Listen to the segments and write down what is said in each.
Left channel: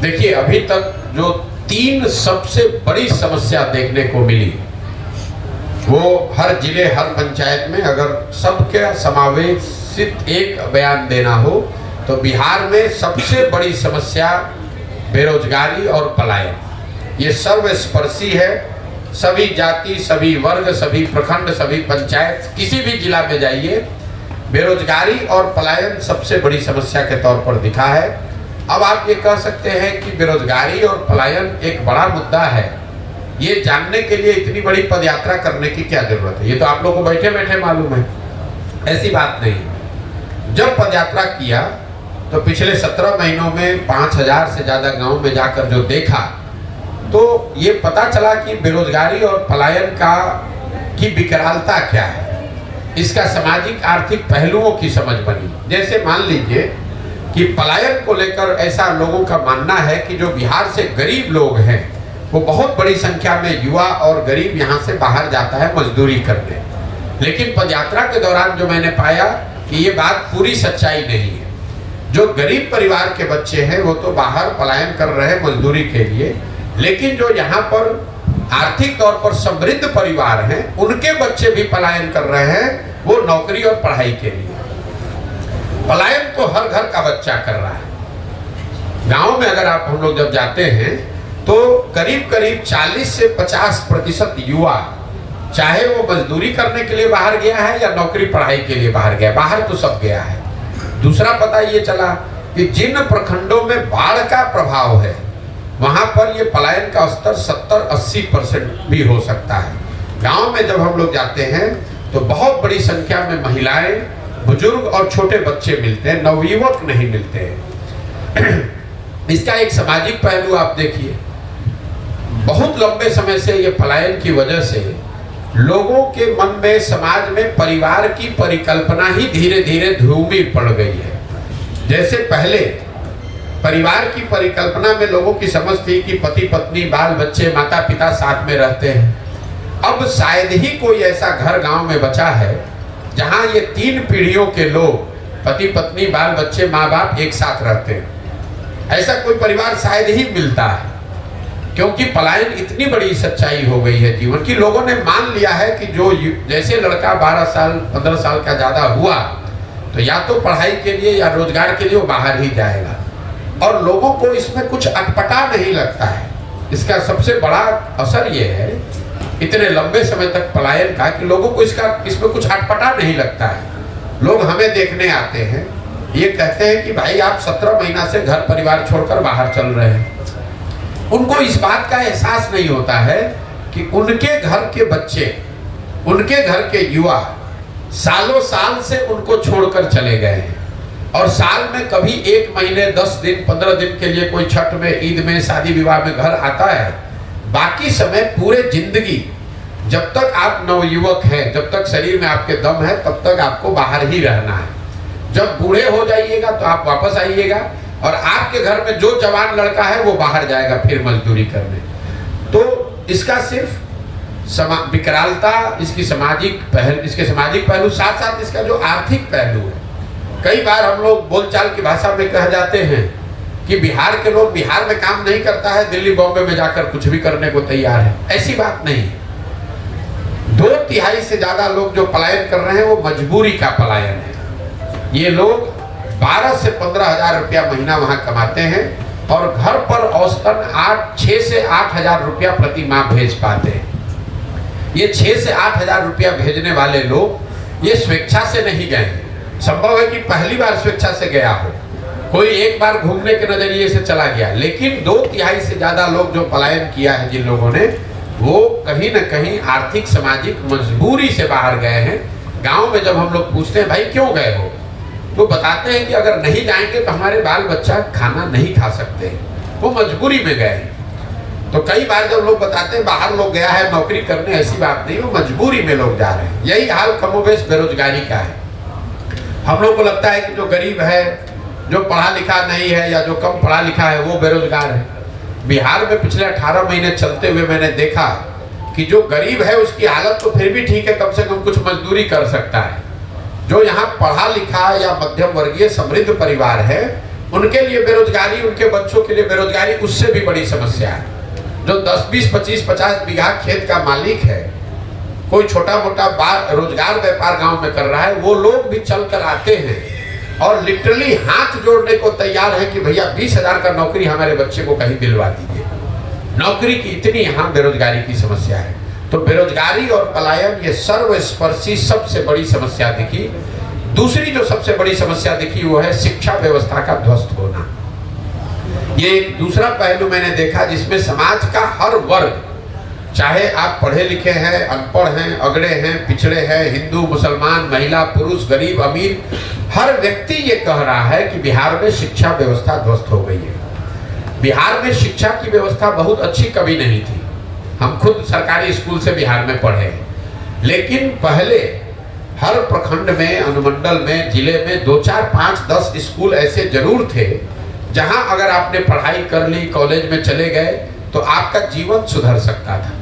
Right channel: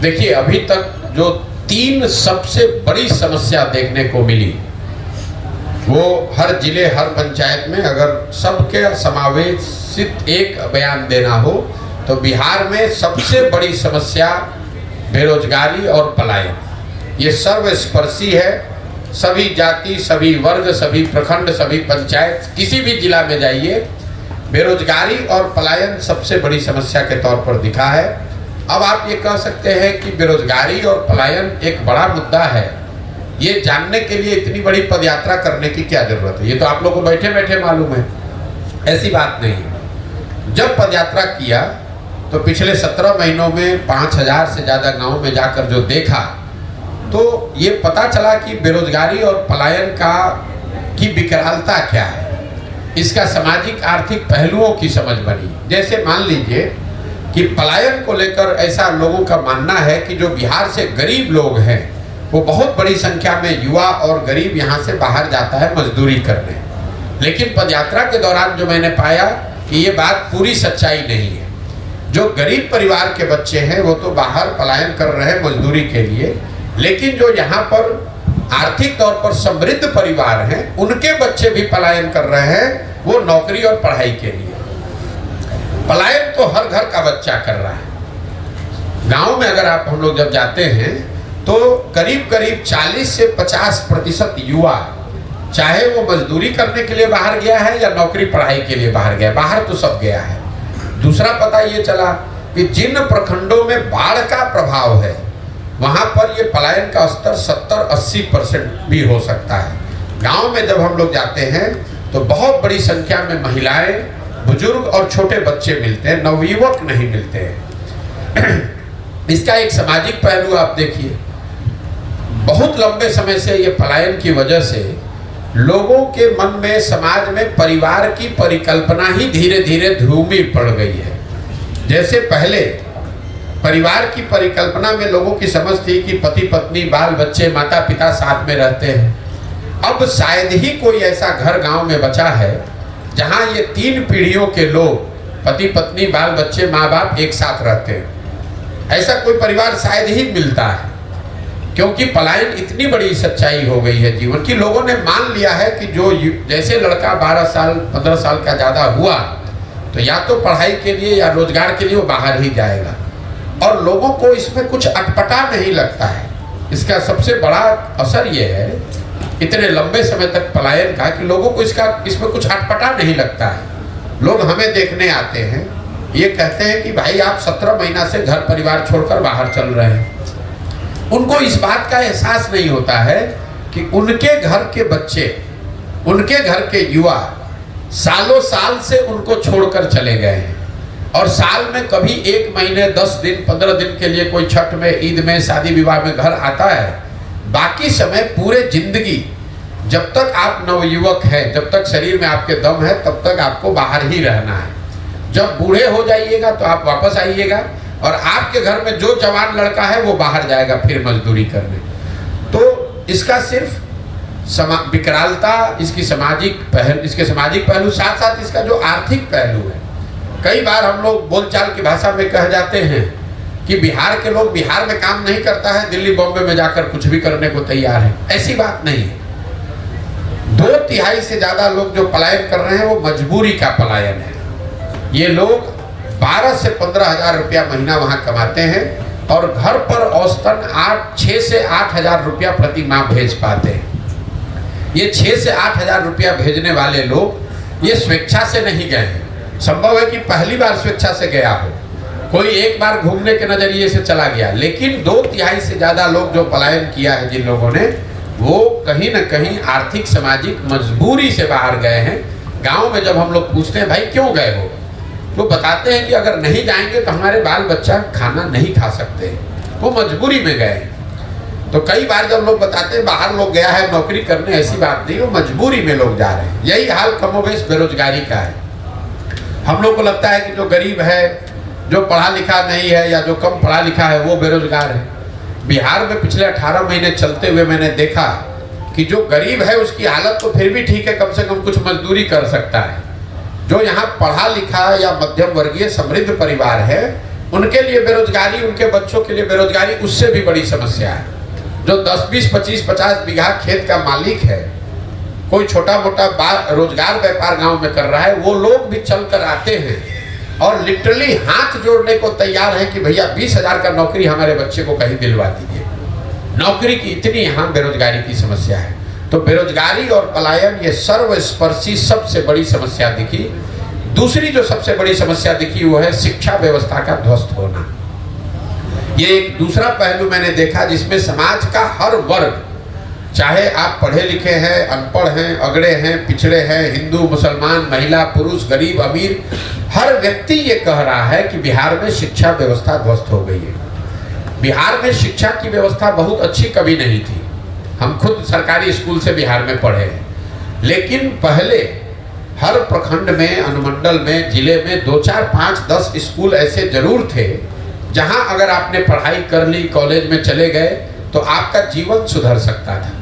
देखिए, अभी तक जो 3 सबसे बड़ी समस्या देखने को मिली, वो हर जिले हर पंचायत में अगर सबके समावेशित एक बयान देना हो तो बिहार में सबसे बड़ी समस्या बेरोजगारी और पलायन। ये सर्वस्पर्शी है। सभी जाति, सभी वर्ग, सभी प्रखंड, सभी पंचायत, किसी भी जिला में जाइए, बेरोजगारी और पलायन सबसे बड़ी समस्या के तौर पर दिखा है। अब आप ये कह सकते हैं कि बेरोजगारी और पलायन एक बड़ा मुद्दा है, ये जानने के लिए इतनी बड़ी पदयात्रा करने की क्या जरूरत है? ये तो आप लोगों को बैठे बैठे मालूम है। ऐसी बात नहीं। जब पदयात्रा किया तो पिछले 17 महीनों में 5000 से ज्यादा गांव में जाकर जो देखा, तो ये पता चला कि बेरोजगारी और पलायन की विकरालता क्या है, इसका सामाजिक आर्थिक पहलुओं की समझ बनी। जैसे मान लीजिए कि पलायन को लेकर ऐसा लोगों का मानना है कि जो बिहार से गरीब लोग हैं, वो बहुत बड़ी संख्या में युवा और गरीब यहाँ से बाहर जाता है मजदूरी करने। लेकिन पदयात्रा के दौरान जो मैंने पाया कि ये बात पूरी सच्चाई नहीं है। जो गरीब परिवार के बच्चे हैं वो तो बाहर पलायन कर रहे हैं मजदूरी के लिए, लेकिन जो यहाँ पर आर्थिक तौर पर समृद्ध परिवार हैं, उनके बच्चे भी पलायन कर रहे हैं, वो नौकरी और पढ़ाई के लिए। पलायन तो हर घर का बच्चा कर रहा है। गांव में अगर आप हम लोग जब जाते हैं तो करीब करीब 40 से 50% युवा, चाहे वो मजदूरी करने के लिए बाहर गया है या नौकरी पढ़ाई के लिए बाहर गया, बाहर तो सब गया है। दूसरा पता ये चला कि जिन प्रखंडों में बाढ़ का प्रभाव है, वहां पर ये पलायन का स्तर 70-80% भी हो सकता है। गांव में जब हम लोग जाते हैं तो बहुत बड़ी संख्या में महिलाएं, बुजुर्ग और छोटे बच्चे मिलते हैं, नवयुवक नहीं मिलते हैं। इसका एक सामाजिक पहलू आप देखिए। बहुत लंबे समय से ये पलायन की वजह से लोगों के मन में, समाज में परिवार की परिकल्पना ही धीरे धीरे ध्रुवी पड़ गई है। जैसे पहले परिवार की परिकल्पना में लोगों की समझ थी कि पति पत्नी, बाल बच्चे, माता पिता साथ में रहते हैं। अब शायद ही कोई ऐसा घर गांव में बचा है जहां ये 3 पीढ़ियों के लोग, पति पत्नी, बाल बच्चे, माँ बाप एक साथ रहते हैं। ऐसा कोई परिवार शायद ही मिलता है, क्योंकि पलायन इतनी बड़ी सच्चाई हो गई है जीवन की। लोगों ने मान लिया है कि जो जैसे लड़का 12 साल 15 साल का ज्यादा हुआ तो या तो पढ़ाई के लिए या रोजगार के लिए वो बाहर ही जाएगा, और लोगों को इसमें कुछ अटपटा नहीं लगता है। इसका सबसे बड़ा असर ये है इतने लंबे समय तक पलायन का, कि लोगों को इसमें कुछ अटपटा नहीं लगता है। लोग हमें देखने आते हैं, ये कहते हैं कि भाई आप 17 महीना से घर परिवार छोड़कर बाहर चल रहे हैं। उनको इस बात का एहसास नहीं होता है कि उनके घर के बच्चे, उनके घर के युवा सालों साल से उनको छोड़कर चले गए हैं, और साल में कभी 1 महीने 10 दिन 15 दिन के लिए कोई छठ में, ईद में, शादी विवाह में घर आता है। बाकी समय पूरे जिंदगी, जब तक आप नवयुवक हैं, जब तक शरीर में आपके दम है, तब तक आपको बाहर ही रहना है। जब बूढ़े हो जाइएगा तो आप वापस आइएगा, और आपके घर में जो जवान लड़का है वो बाहर जाएगा फिर मजदूरी करने। तो इसका सिर्फ विकरालता, इसके सामाजिक पहलू, साथ साथ इसका जो आर्थिक पहलू है। कई बार हम लोग बोलचाल की भाषा में कह जाते हैं कि बिहार के लोग बिहार में काम नहीं करता है, दिल्ली बॉम्बे में जाकर कुछ भी करने को तैयार है। ऐसी बात नहीं है। 2/3 से ज्यादा लोग जो पलायन कर रहे हैं वो मजबूरी का पलायन है। ये लोग 12 से 15 हजार रुपया महीना वहां कमाते हैं, और घर पर औसतन 6 से 8 हजार रुपया प्रति माह भेज पाते हैं। ये 6 से 8 हजार रुपया भेजने वाले लोग ये स्वेच्छा से नहीं गए हैं। संभव है कि पहली बार स्वेच्छा से गया हो, कोई एक बार घूमने के नजरिए से चला गया, लेकिन 2/3 से ज्यादा लोग जो पलायन किया है जिन लोगों ने, वो कहीं न कहीं आर्थिक सामाजिक मजबूरी से बाहर गए हैं। गांव में जब हम लोग पूछते हैं भाई क्यों गए हो, वो बताते हैं कि अगर नहीं जाएंगे तो हमारे बाल बच्चा खाना नहीं खा सकते, वो मजबूरी में गए। तो कई बार जब लोग बताते हैं बाहर लोग गया है नौकरी करने, ऐसी बात नहीं, वो मजबूरी में लोग जा रहे हैं। यही हाल कमोबेश बेरोजगारी का है। हम लोग को लगता है कि जो गरीब है, जो पढ़ा लिखा नहीं है या जो कम पढ़ा लिखा है वो बेरोजगार है। बिहार में पिछले 18 महीने चलते हुए मैंने देखा कि जो गरीब है उसकी हालत तो फिर भी ठीक है, कम से कम कुछ मजदूरी कर सकता है। जो यहाँ पढ़ा लिखा या मध्यम वर्गीय समृद्ध परिवार है, उनके लिए बेरोजगारी, उनके बच्चों के लिए बेरोजगारी उससे भी बड़ी समस्या है। जो 10, 20, 25, 50 बीघा खेत का मालिक है, कोई छोटा मोटा रोजगार व्यापार गांव में कर रहा है, वो लोग भी चल कर आते हैं और लिटरली हाथ जोड़ने को तैयार है कि भैया 20,000 का नौकरी हमारे बच्चे को कहीं दिलवा दीजिए। नौकरी की इतनी यहाँ बेरोजगारी की समस्या है। तो बेरोजगारी और पलायन ये सर्वस्पर्शी सबसे बड़ी समस्या दिखी। दूसरी जो सबसे बड़ी समस्या दिखी वो है शिक्षा व्यवस्था का ध्वस्त होना। ये एक दूसरा पहलू मैंने देखा जिसमें समाज का हर वर्ग, चाहे आप पढ़े लिखे हैं, अनपढ़ हैं, अगड़े हैं, पिछड़े हैं, हिंदू, मुसलमान, महिला, पुरुष, गरीब, अमीर, हर व्यक्ति ये कह रहा है कि बिहार में शिक्षा व्यवस्था ध्वस्त हो गई है। बिहार में शिक्षा की व्यवस्था बहुत अच्छी कभी नहीं थी। हम खुद सरकारी स्कूल से बिहार में पढ़े हैं, लेकिन पहले हर प्रखंड में, अनुमंडल में, जिले में 2, 4, 5, 10 स्कूल ऐसे जरूर थे जहां अगर आपने पढ़ाई कर ली, कॉलेज में चले गए तो आपका जीवन सुधर सकता था।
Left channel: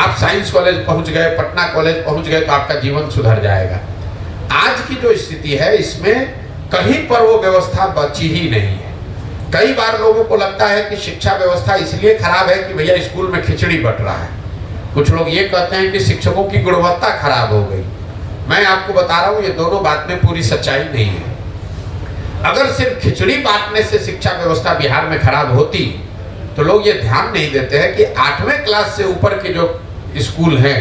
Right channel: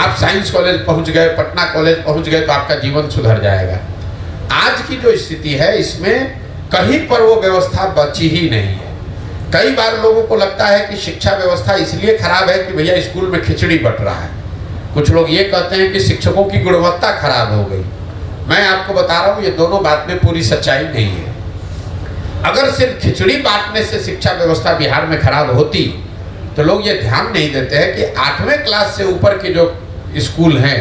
आप साइंस कॉलेज पहुंच गए, पटना कॉलेज पहुंच गए तो आपका जीवन सुधर जाएगा। आज की जो स्थिति है इसमें कहीं पर वो व्यवस्था बची ही नहीं है। कई बार लोगों को लगता है कि शिक्षा व्यवस्था इसलिए खराब है कि भैया स्कूल में खिचड़ी बट रहा है। कुछ लोग ये कहते हैं कि शिक्षकों की गुणवत्ता खराब हो गई। मैं आपको बता रहा हूँ ये दोनों बात में पूरी सच्चाई नहीं है। अगर सिर्फ खिचड़ी बांटने से शिक्षा व्यवस्था बिहार में खराब होती तो लोग ये ध्यान नहीं देते हैं कि 8वें क्लास से ऊपर के जो स्कूल हैं,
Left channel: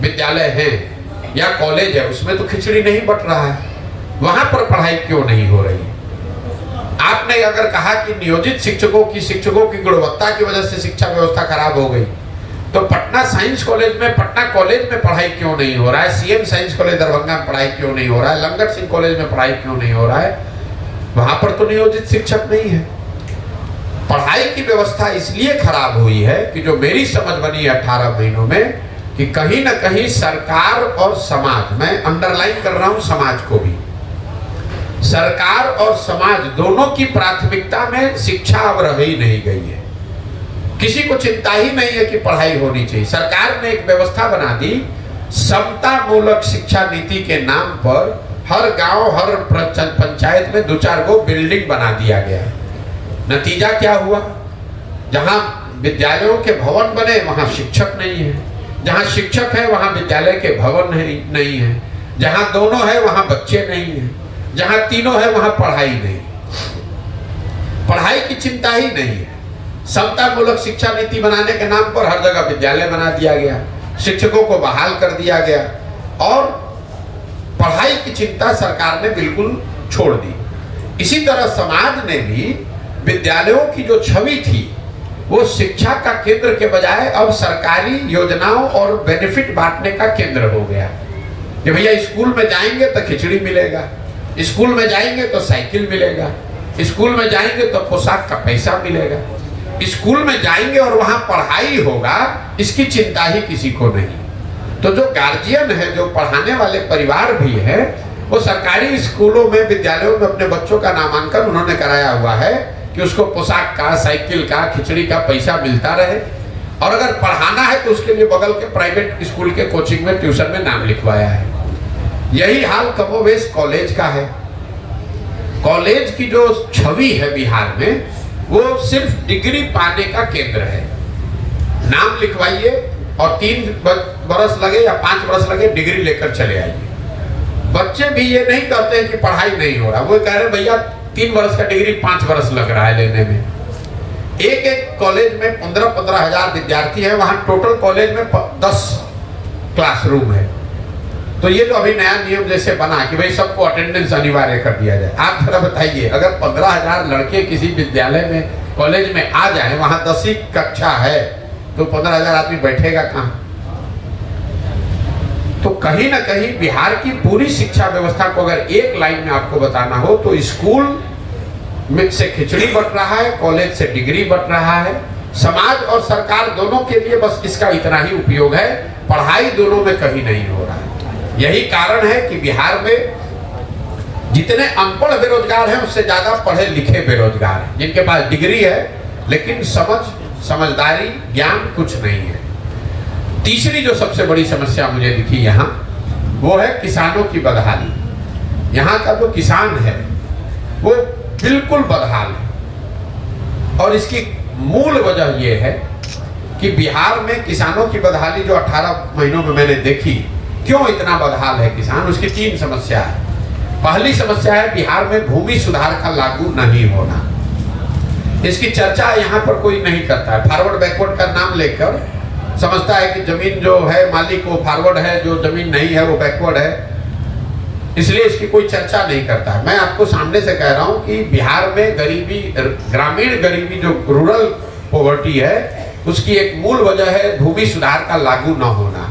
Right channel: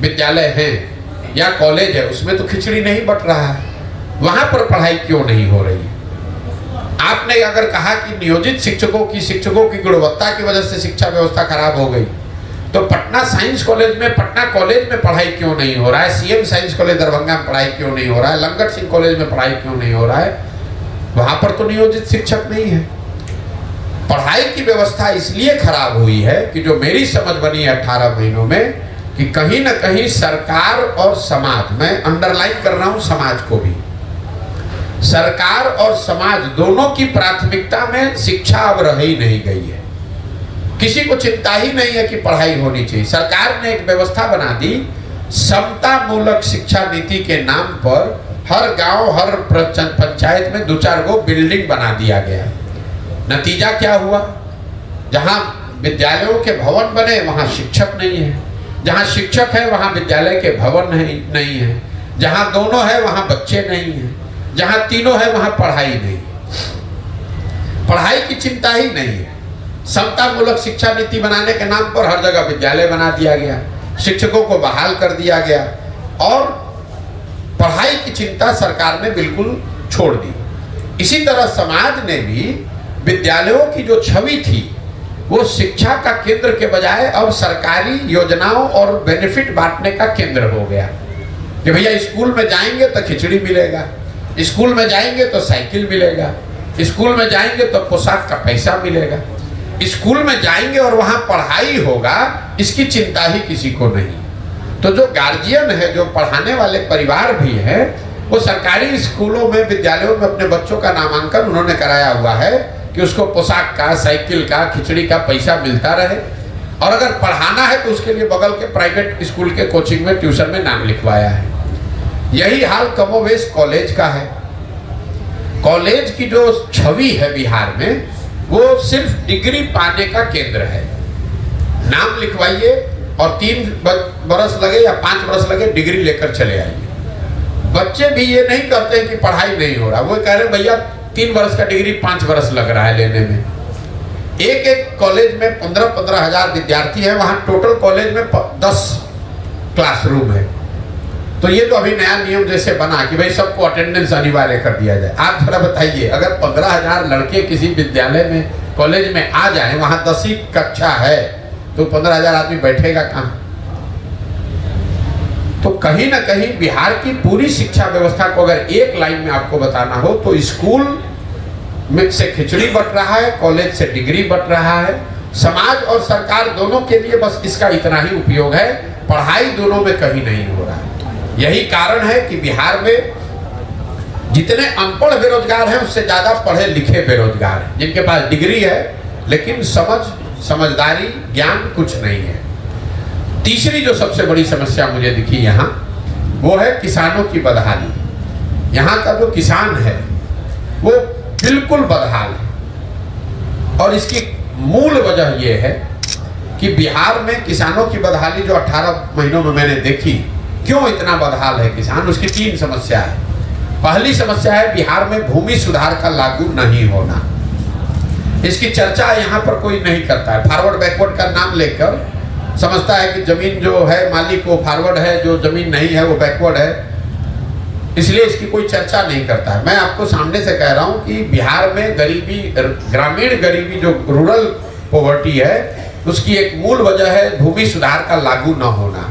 विद्यालय हैं या कॉलेज है, उसमें तो खिचड़ी नहीं बट रहा है। वहां पर पढ़ाई क्यों नहीं हो रही? आपने अगर कहा कि नियोजित शिक्षकों की गुणवत्ता की वजह से शिक्षा व्यवस्था खराब हो गई, तो पटना साइंस कॉलेज में, पटना कॉलेज में पढ़ाई क्यों नहीं हो रहा है? सीएम साइंस कॉलेज दरभंगा में पढ़ाई क्यों नहीं हो रहा है? लंगट सिंह कॉलेज में पढ़ाई क्यों नहीं हो रहा है? वहां पर तो नियोजित शिक्षक नहीं है। पढ़ाई की व्यवस्था इसलिए खराब हुई है कि जो मेरी समझ बनी 18 महीनों में, कि कहीं ना कहीं सरकार और समाज, मैं अंडरलाइन कर रहा हूं समाज को भी, सरकार और समाज दोनों की प्राथमिकता में शिक्षा अब रह ही नहीं गई है। किसी को चिंता ही नहीं है कि पढ़ाई होनी चाहिए। सरकार ने एक व्यवस्था बना दी, समता मूलक शिक्षा नीति के नाम पर हर गांव, हर पंचायत में 2-4 गो बिल्डिंग बना दिया गया। नतीजा क्या हुआ? जहां विद्यालयों के भवन बने वहां शिक्षक नहीं है, जहां शिक्षक है वहां विद्यालय के भवन नहीं है, जहां दोनों है वहां बच्चे नहीं है, जहां तीनों है वहां पढ़ाई नहीं। पढ़ाई की चिंता ही नहीं है। समता मूलक शिक्षा नीति बनाने के नाम पर हर जगह विद्यालय बना दिया गया, शिक्षकों को बहाल कर दिया गया और पढ़ाई की चिंता सरकार ने बिल्कुल छोड़ दी। इसी तरह समाज ने भी विद्यालयों की जो छवि थी वो शिक्षा का केंद्र के बजाय अब सरकारी योजनाओं और बेनिफिट बांटने का केंद्र हो गया कि भैया स्कूल में जाएंगे तो खिचड़ी मिलेगा, स्कूल में जाएंगे तो साइकिल मिलेगा, स्कूल में जाएंगे तो पोशाक का पैसा मिलेगा, स्कूल में जाएंगे और वहां पढ़ाई होगा, इसकी चिंता ही किसी को नहीं। तो जो गार्जियन है, जो पढ़ाने वाले परिवार भी है, वो सरकारी स्कूलों में, विद्यालयों में अपने बच्चों का नामांकन उन्होंने कराया हुआ है कि उसको पोशाक का, साइकिल का, खिचड़ी का पैसा मिलता रहे। और अगर पढ़ाना है तो उसके लिए बगल के प्राइवेट स्कूल के कोचिंग में, ट्यूशन में नाम लिखवाया है। यही हाल कमोवेश कॉलेज का है। कॉलेज की जो छवि है बिहार में, वो सिर्फ डिग्री पाने का केंद्र है। नाम लिखवाइए और 3 बरस लगे या 5 बरस लगे, डिग्री लेकर चले आइए। बच्चे भी ये नहीं कहते हैं कि पढ़ाई नहीं हो रहा, वो कह रहे भैया 3 बरस का डिग्री 5 बरस लग रहा है लेने में। एक कॉलेज में 15-15 हजार विद्यार्थी है, वहां टोटल कॉलेज में 10 क्लासरूम है। तो ये तो अभी नया नियम जैसे बना कि भाई सबको अटेंडेंस अनिवार्य कर दिया जाए। आप जरा बताइए, अगर 15,000 लड़के किसी विद्यालय में, कॉलेज में आ जाए, वहां 10वीं कक्षा है, तो 15,000 आदमी बैठेगा कहां? तो कहीं ना कहीं बिहार की पूरी शिक्षा व्यवस्था को अगर एक लाइन में आपको बताना हो तो स्कूल में से खिचड़ी बट रहा है, कॉलेज से डिग्री बट रहा है। समाज और सरकार दोनों के लिए बस इसका इतना ही उपयोग है, पढ़ाई दोनों में कहीं नहीं हो रहा है। यही कारण है कि बिहार में जितने अनपढ़ बेरोजगार हैं उससे ज्यादा पढ़े लिखे बेरोजगार हैं, जिनके पास डिग्री है लेकिन समझदारी, ज्ञान कुछ नहीं है। तीसरी जो सबसे बड़ी समस्या मुझे दिखी यहाँ, वो है किसानों की बदहाली। यहाँ का जो किसान है वो बिल्कुल बदहाल है। और इसकी मूल वजह यह है कि बिहार में किसानों की बदहाली जो 18 महीनों में मैंने देखी, क्यों इतना बदहाल है किसान, उसकी 3 समस्या है। पहली समस्या है बिहार में भूमि सुधार का लागू नहीं होना। इसकी चर्चा यहाँ पर कोई नहीं करता है। फॉरवर्ड बैकवर्ड का नाम लेकर समझता है कि जमीन जो है मालिक वो फॉरवर्ड है, जो जमीन नहीं है वो बैकवर्ड है, इसलिए इसकी कोई चर्चा नहीं करता है। मैं आपको सामने से कह रहा हूँ कि बिहार में गरीबी, ग्रामीण गरीबी जो रूरल पॉवर्टी है, उसकी एक मूल वजह है भूमि सुधार का लागू न होना।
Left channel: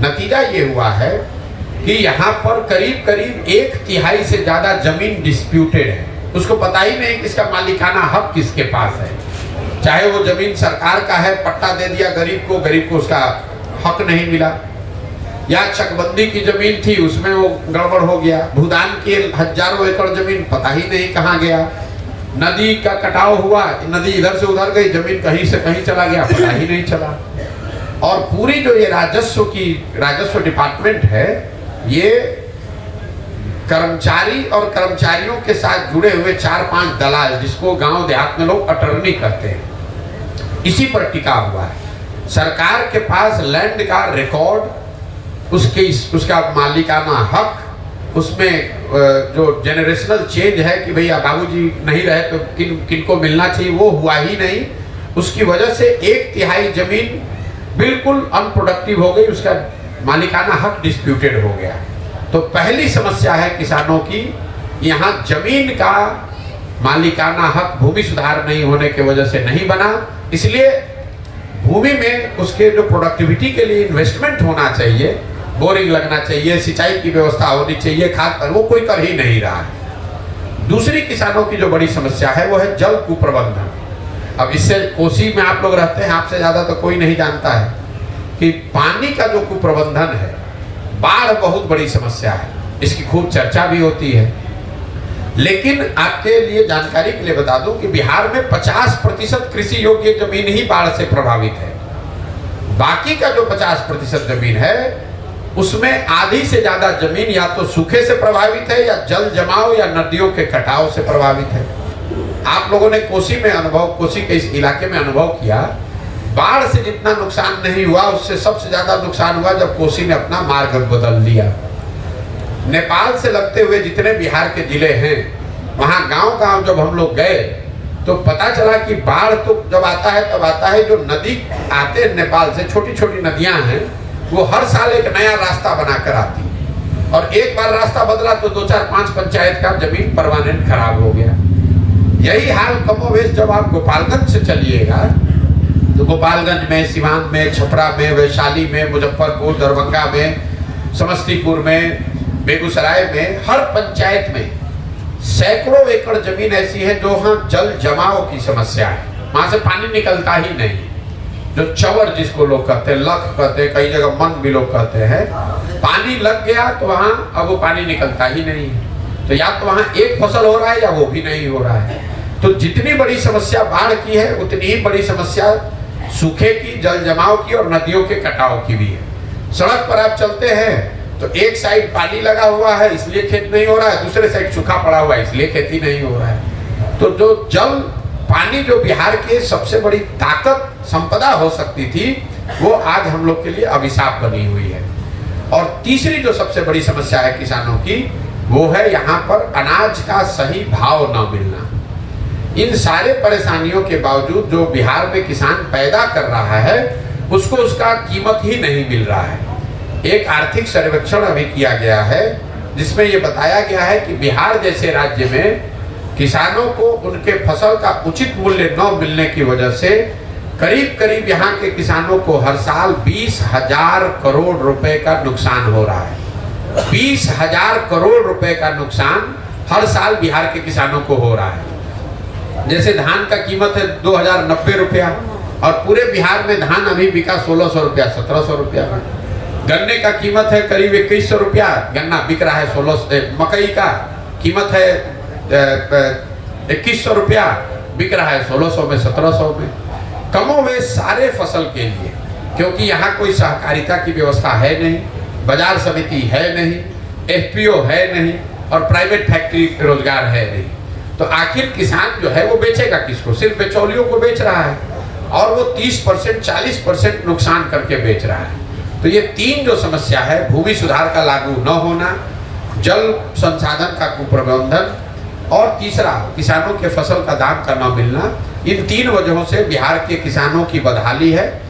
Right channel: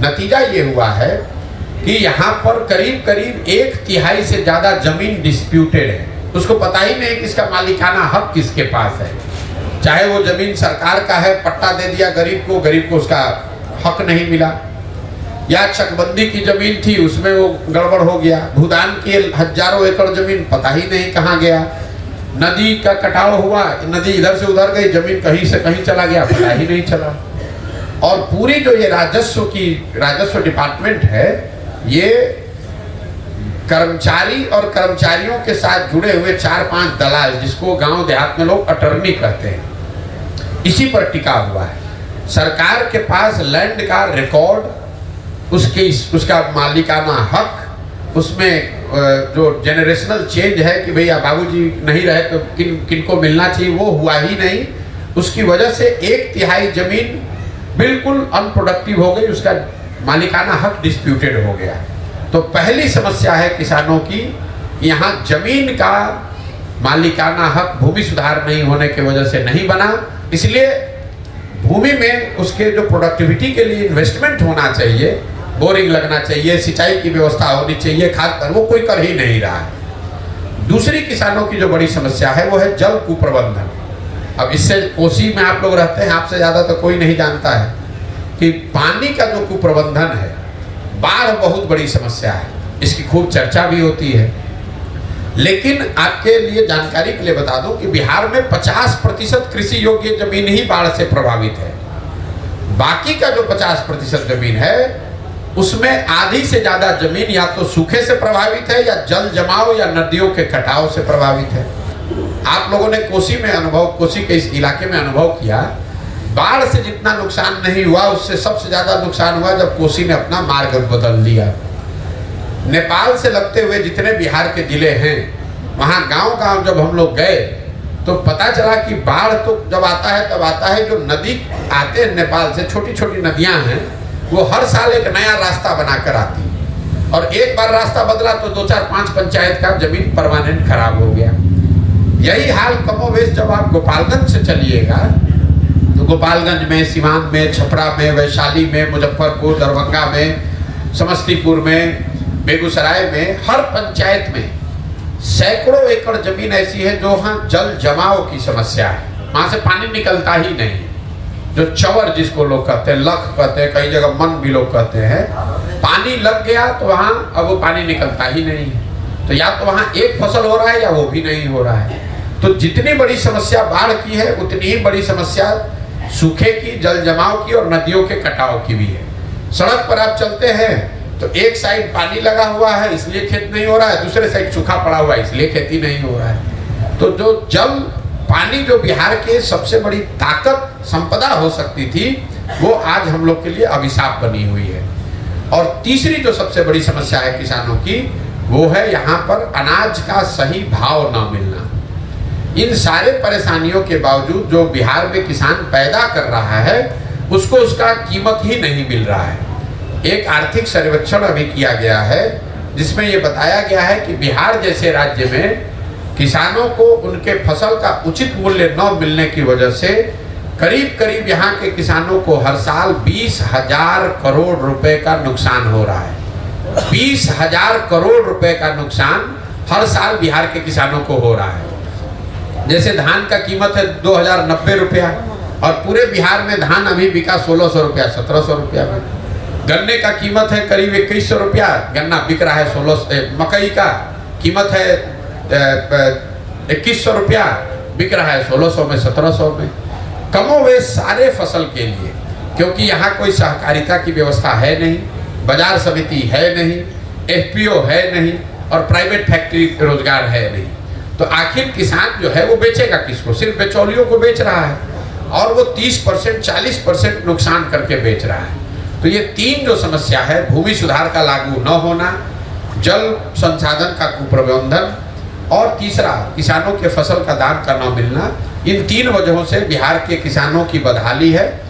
नतीजा ये हुआ है कि यहाँ पर करीब करीब 1/3 से ज़्यादा जमीन डिस्प्यूटेड है। उसको पता ही नहीं कि इसका मालिकाना हक किसके पास है। चाहे वो जमीन सरकार का है, पट्टा दे दिया गरीब को उसका हक नहीं मिला, या चकबंदी की जमीन थी उसमें वो गड़बड़ हो गया, भूदान की हजारों एकड़ जमीन पता ही नहीं कहाँ गया, नदी का कटाव हुआ, नदी इधर से उधर गई, जमीन कहीं से कहीं चला गया, पता ही नहीं चला। और पूरी जो ये राजस्व डिपार्टमेंट है, ये कर्मचारी और कर्मचारियों के साथ जुड़े हुए 4-5 दलाल, जिसको गांव देहात में लोग अटर्नी कहते हैं, इसी पर टिका हुआ है। सरकार के पास लैंड का रिकॉर्ड, उसका मालिकाना हक, उसमें जो जेनरेशनल चेंज है कि भैया बाबूजी नहीं रहे तो किनको मिलना चाहिए, वो हुआ ही नहीं। उसकी वजह से 1/3 जमीन बिल्कुल अनप्रोडक्टिव हो गई, उसका मालिकाना हक डिस्प्यूटेड हो गया। तो पहली समस्या है किसानों की, यहाँ जमीन का मालिकाना हक भूमि सुधार नहीं होने की वजह से नहीं बना, इसलिए भूमि में उसके जो प्रोडक्टिविटी के लिए इन्वेस्टमेंट होना चाहिए, बोरिंग लगना चाहिए, सिंचाई की व्यवस्था होनी चाहिए, खाद, वो कोई कर ही नहीं रहा है। दूसरी किसानों की जो बड़ी समस्या है वो है जल कुप्रबंधन। अब इससे कोसी में आप लोग रहते हैं, आपसे ज्यादा तो कोई नहीं जानता है कि पानी का जो कुप्रबंधन है, बाढ़ बहुत बड़ी समस्या है, इसकी खूब चर्चा भी होती है। लेकिन आपके लिए जानकारी के लिए बता दूं कि बिहार में 50% कृषि योग्य जमीन ही बाढ़ से प्रभावित है। बाकी का जो 50% जमीन है, उसमें आधी से ज्यादा जमीन या तो सूखे से प्रभावित है, या जल जमाव या नदियों के कटाव से प्रभावित है। आप लोगों ने कोसी के इस इलाके में अनुभव किया, बाढ़ से जितना नुकसान नहीं हुआ, उससे सबसे ज्यादा नुकसान हुआ जब कोसी ने अपना मार्ग बदल दिया। नेपाल से लगते हुए जितने बिहार के जिले हैं, वहां गांव-गांव जब हम लोग गए तो पता चला कि बाढ़ तो जब आता है तब आता है, जो नदी आते हैं नेपाल से, छोटी छोटी नदियां हैं, वो हर साल एक नया रास्ता बनाकर आती है। और एक बार रास्ता बदला तो 2-4-5 पंचायत का जमीन परमानेंट खराब हो गया। यही हाल कमोवेश जब आप गोपालगंज से चलिएगा तो गोपालगंज में, सिवान में, छपरा में, वैशाली में, मुजफ्फरपुर, दरभंगा में, समस्तीपुर में, बेगूसराय में, हर पंचायत में सैकड़ों एकड़ जमीन ऐसी है जो वहाँ जल जमाव की समस्या है, वहां से पानी निकलता ही नहीं। जो चवर जिसको लोग कहते हैं, लख कहते हैं, कई जगह मन भी लोग कहते हैं, पानी लग गया तो वहां अब वो पानी निकलता ही नहीं है। तो या तो वहां एक फसल हो रहा है या वो भी नहीं हो रहा है। तो जितनी बड़ी समस्या बाढ़ की है, उतनी ही बड़ी समस्या सूखे की, जल जमाव की और नदियों के कटाव की भी है। सड़क पर आप चलते हैं तो एक साइड पानी लगा हुआ है इसलिए खेत नहीं हो रहा है, दूसरे साइड सूखा पड़ा हुआ है इसलिए खेती नहीं हो रहा है। तो जो जल पानी जो बिहार के सबसे बड़ी ताकत संपदा हो सकती थी, वो आज हम लोग के लिए अभिशाप बनी हुई है। और तीसरी जो सबसे बड़ी समस्या है किसानों की, वो है यहाँ पर अनाज का सही भाव न मिलना। इन सारे परेशानियों के बावजूद जो बिहार में किसान पैदा कर रहा है, उसको उसका कीमत ही नहीं मिल रहा है। एक आर्थिक सर्वेक्षण अभी किया गया है जिसमें ये बताया गया है कि बिहार जैसे राज्य में किसानों को उनके फसल का उचित मूल्य न मिलने की वजह से करीब करीब यहाँ के किसानों को हर साल 20,000 करोड़ रुपए का नुकसान हो रहा है। 20,000 करोड़ रुपए का नुकसान हर साल बिहार के किसानों को हो रहा है। जैसे धान का कीमत है 2,090 रुपया और पूरे बिहार में धान अभी बिका 1,600 रुपया, 1,700 रुपया में। गन्ने का कीमत है करीब 2,100 रुपया, गन्ना बिक रहा है 1600। मकई का कीमत है 2,100 रुपया, बिक रहा है 1600 में, 1700 में। कमोवेश सारे फसल के लिए, क्योंकि यहाँ कोई सहकारिता की व्यवस्था है नहीं, बाजार समिति है नहीं, FPO है नहीं और प्राइवेट फैक्ट्री रोजगार है नहीं। तो आखिर किसान जो है वो बेचेगा किसको? सिर्फ बिचौलियों को बेच रहा है और वो 30% 40% नुकसान करके बेच रहा है। तो ये तीन जो समस्या है, भूमि सुधार का लागू न होना, जल संसाधन का कुप्रबंधन और तीसरा किसानों के फसल का दाम का न मिलना, इन तीन वजहों से बिहार के किसानों की बदहाली है